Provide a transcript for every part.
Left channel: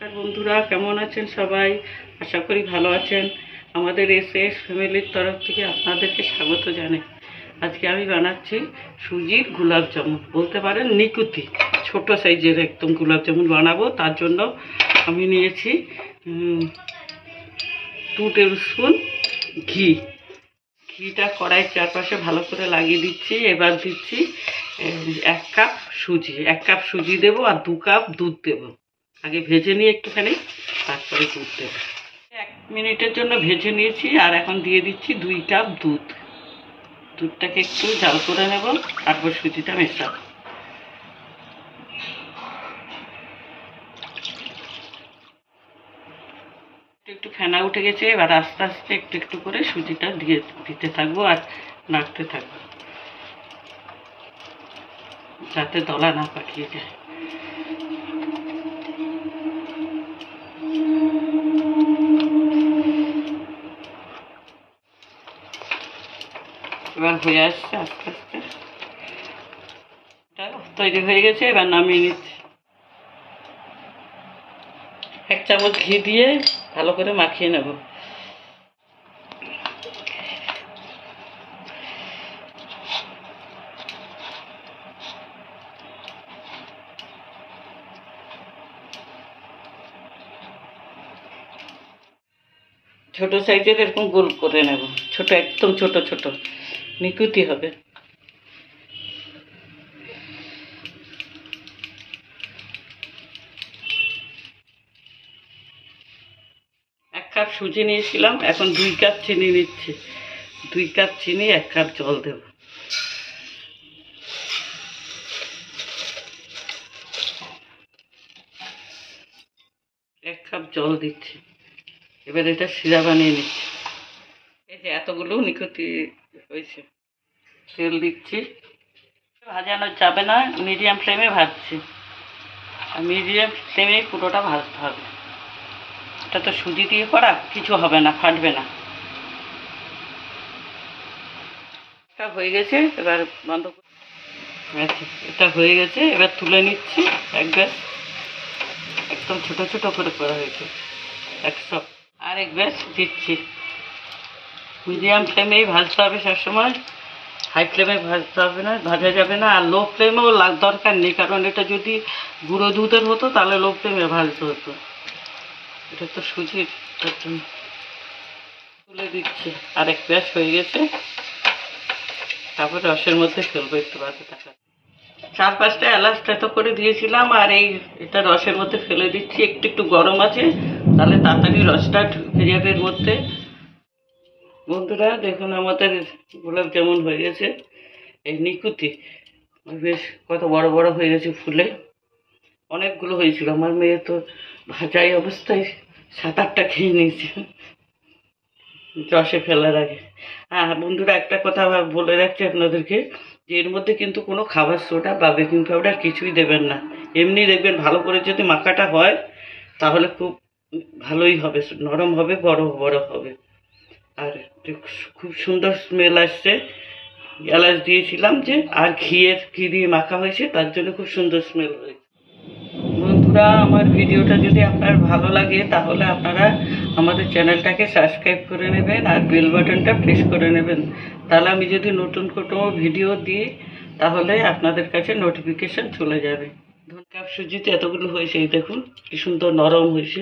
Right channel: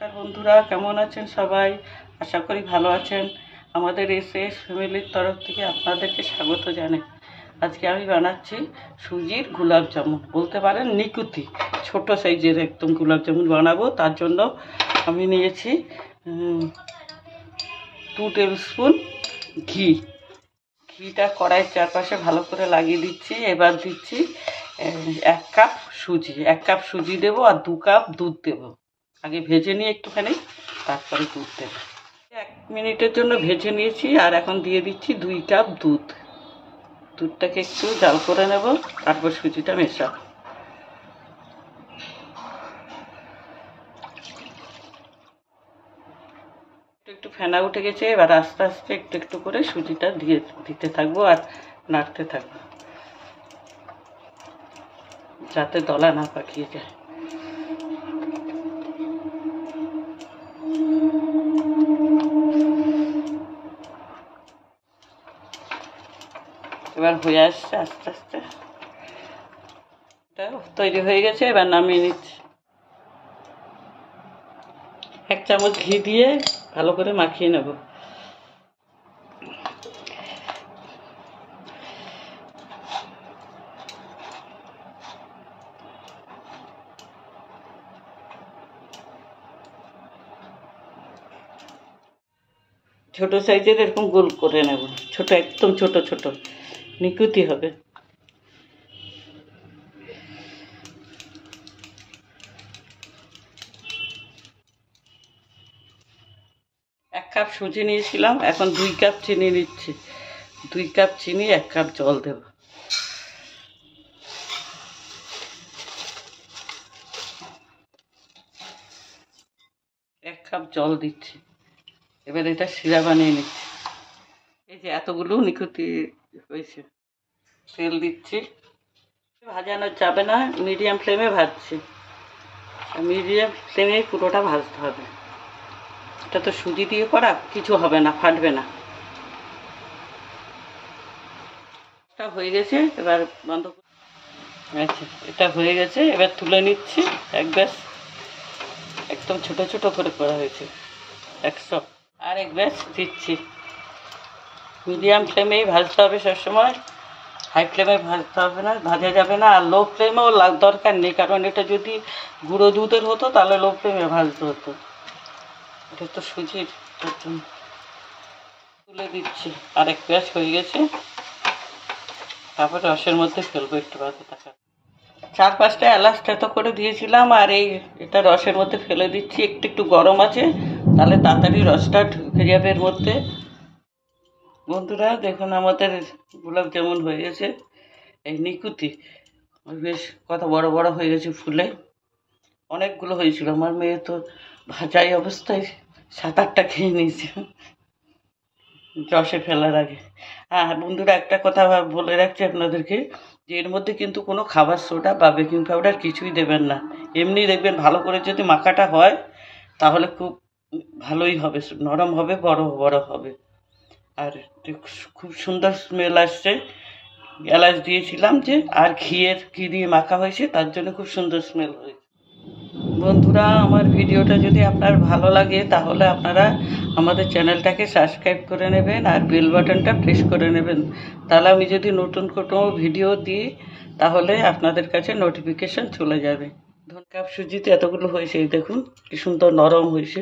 নমস্কার বন্ধুরা, কেমন আছেন সবাই? আশা করি ভালো আছেন। আমাদের এসএস ফ্যামিলির তরফ থেকে আপনাদেরকে স্বাগত জানাই। আজকে আমি বানাচ্ছি সুজির গোলাপ জামুন, বলতে পারেন নিকুতি। ছোট সাইজের একদম গোলাপ জামুন বানাবো। তার জন্য আমি নিয়েছি 2 টেবিল স্পুন ঘিটা কড়াইয়ের চারপাশে ভালো করে লাগিয়ে দিচ্ছি। এবার দিচ্ছি 1 কাপ সুজি। 1 কাপ সুজি দেবো আর 2 কাপ দুধ দেবো। আগে ভেজে নিয়ে একটুখানি, তারপরে দুধ দেবো। 1 মিনিটের জন্য ভেজে নিয়েছি আর এখন দিয়ে দিচ্ছি 2 কাপ দুধ। দুধটাকে একটু জাল করে নেব, তারপর সুজিটা মেশাবো। একটু ফেনা উঠে গেছে। এবার আস্তে আস্তে একটু একটু করে সুজিটা দিতে থাকবো আর নাড়তে থাকবো, যাতে দলা না পাকিয়ে যায়। এবার হয়ে আসছে আস্তে আস্তে, তৈরি হয়ে গেছে। এবার নামিয়ে নিচ্ছি। 1 চামচ ঘি দিয়ে ভালো করে মাখিয়ে নেব। ছোট সাইজের এরকম গোল করে নেব, ছোট, একদম ছোট ছোট নিকুতি হবে। এক কাপ সুজি নিয়েছিলাম, এখন 2 কাপ চিনি নিচ্ছি। 2 কাপ চিনি, 1 কাপ জল দেব। এক কাপ জল দিচ্ছি। এবার এটা শিরা বানিয়ে নিচ্ছি। এই যে এতগুলো নিকুতি হয়েছে। তেল দিচ্ছি। ভাজানো যাবে না, মিডিয়াম ফ্লেমে ভাজছি। আর মিডিয়াম ফ্লেমে পুরোটা ভাজতে হবে। এটা তো সুজি দিয়ে করা, কিছু হবে না, ফাটবে না। এটা হয়ে গেছে, এবার বন্ধ করে। আচ্ছা, এটা হয়ে গেছে, এবার তুলে নিচ্ছি। এক ব্যাস একদম ছোট ছোট করে করা হয়েছে 100। আর এক ব্যাস দিচ্ছি। মিডিয়াম ফ্লেমেই ভাজতে হবে সবসময়, হাই ফ্লেমে ভাজতে হবে না, ভাজা যাবে না। আর লো ফ্লেমেও দরকার নেই, কারণ এটা যদি গুঁড়ো দুধের হতো তাহলে লো ফ্লেমে ভাজতে হতো। এটা তো সুজির, তুলে দিচ্ছি। আর এক ব্যাস হয়ে গেছে। তারপরে রসের মধ্যে ফেলবো একটু বাকি টাকা। 4-5টা এলাচ থেতো করে দিয়েছিলাম, আর এটা রসের মধ্যে ফেলে দিচ্ছি। একটু একটু গরম আছে, তাহলে তাড়াতাড়ি রসটা ঢুকে যাবে এর মধ্যে। বন্ধুরা দেখুন, আমাদের গোলাপ জামুন হয়ে গেছে। এই নিকুতি বেশ কত বড় বড় হয়ে গেছে ফুলে। অনেকগুলো হয়েছিল। আমার মেয়ে তো ভাজাই অবস্থায় 7-8টা খেয়ে নিয়েছে রসে ফেলার আগে। হ্যাঁ বন্ধুরা, একটা কথা বলে রাখছি আপনাদেরকে, যে এর মধ্যে কিন্তু কোনো খাবার সোডা বা বেকিং পাউডার কিছুই দেবেন না। এমনি দেখবেন ভালো করে যদি মাখাটা হয় তাহলে খুব ভালোই হবে, নরম হবে, বড় বড় হবে। আর খুব সুন্দর স্মেল আসছে। এলাচ দিয়েছিলাম যে, আর ঘি দিয়ে মাখা হয়েছে, তার জন্য খুব সুন্দর স্মেল হয়েছে। বন্ধুরা, আমার ভিডিওটা যদি আপনার ভালো লাগে তাহলে আপনারা আমাদের চ্যানেলটাকে সাবস্ক্রাইব করে নেবেন আর বেল বাটনটা প্রেস করে নেবেন। তাহলে আমি যদি নতুন কোনো ভিডিও দিই তাহলে আপনাদের কাছে নোটিফিকেশান চলে যাবে। 2 কাপ সুজিতে এতগুলো হয়েছে, এই দেখুন কি সুন্দর নরম হয়েছে।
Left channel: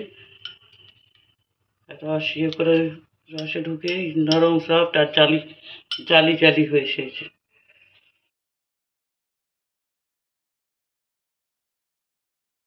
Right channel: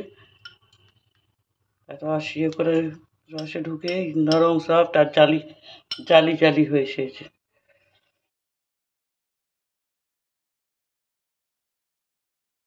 রস করে রসে ঢুকে নরম সফট আর জালি জালি জালি হয়েছে।